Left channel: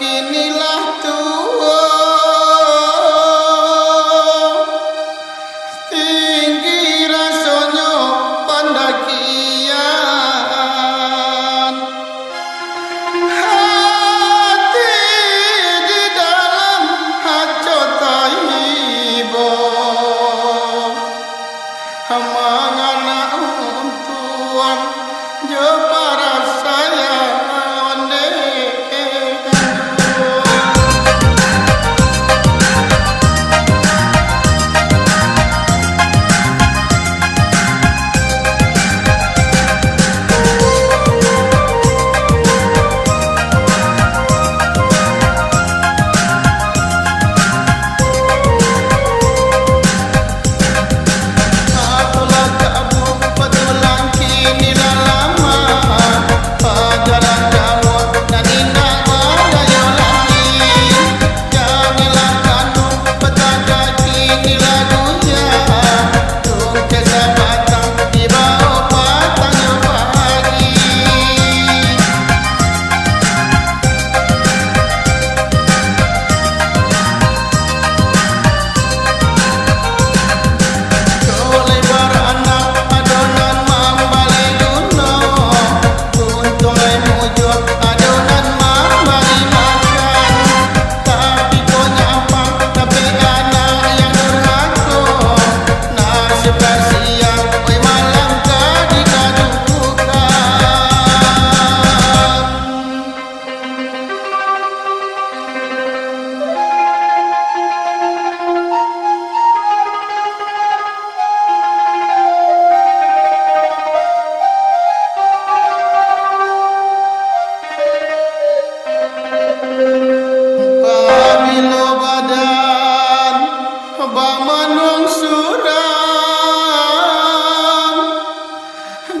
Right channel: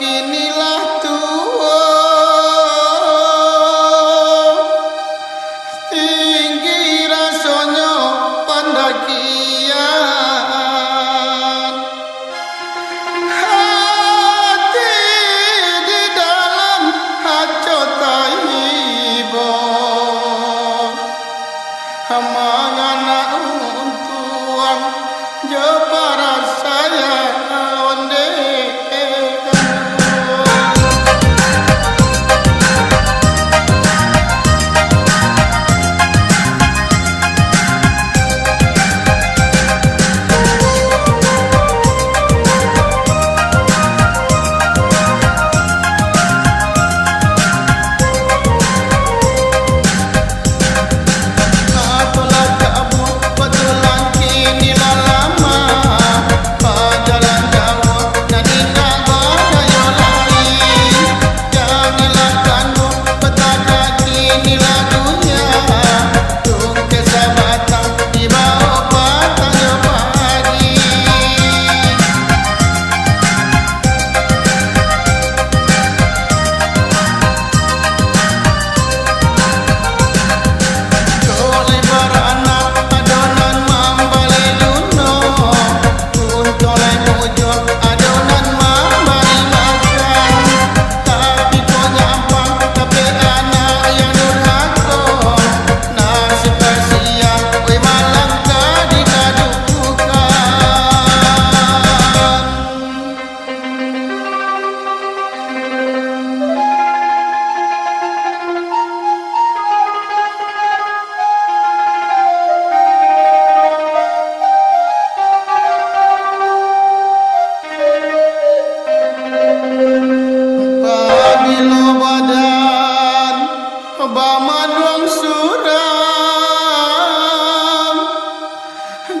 kinilah tua tinggi rasanya pendakian hati di dalam hajat taibo mangana untuang jo para saya onde inilah lama jalan Jawa dan indah badayo lain janganlah kandung petaka kinilah dunia tung kesabatang di bawah patang yo pagi kau lebar anak adonan adonan memberi makan tapi kau nyampang tapi anak yang durhaka nasib kasihan oi malangka dikadukan bilo badan bamanung suram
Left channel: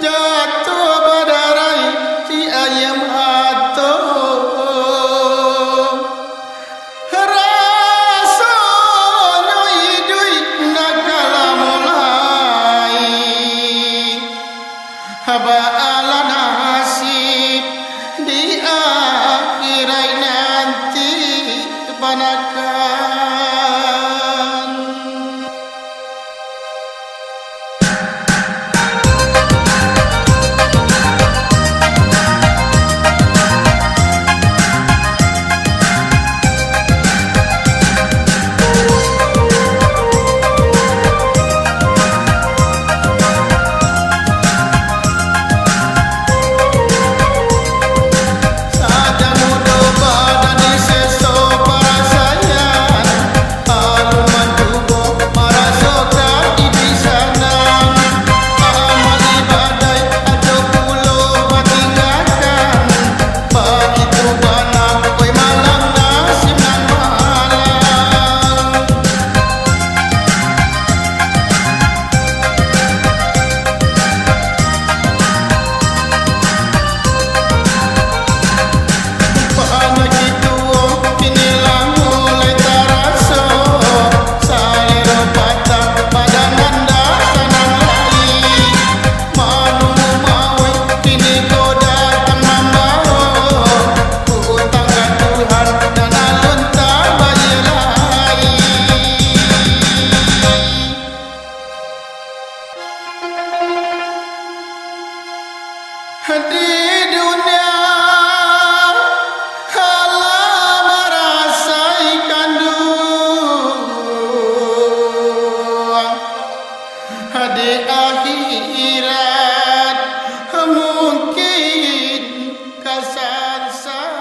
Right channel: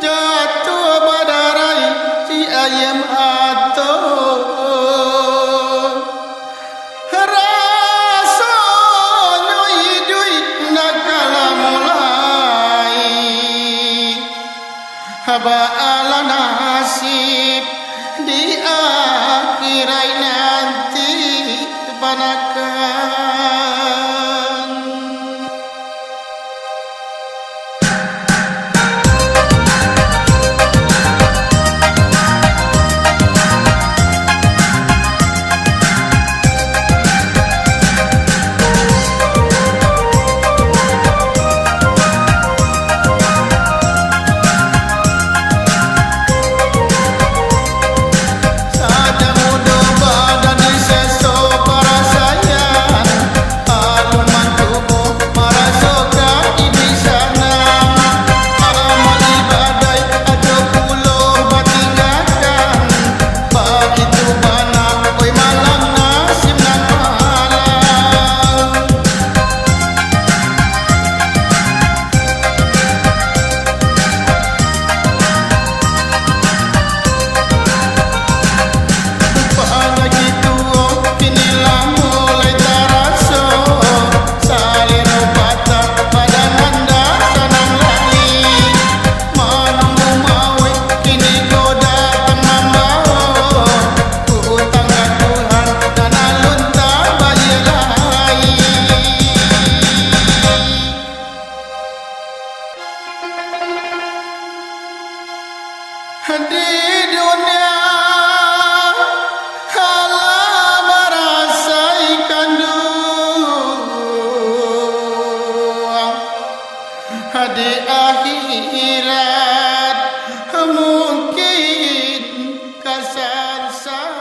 jatuh badarai si ayam ato rasanya idui nakala mulai haba ala nasib di akhirat nanti panakan saja mudah badan diseso para sayang alun mancubo marasokan idui sanang amal ibadai ajo puluh batinggakan ba itu bana oi malang nasib nan malang banyak itu kinilah mulai taraso salero patah pada nanda sanang lain manunggu maui kini kau datang membawa ku utang ke Tuhan dan alun tak bayar lain di dunia di akhirat mungkin kesansa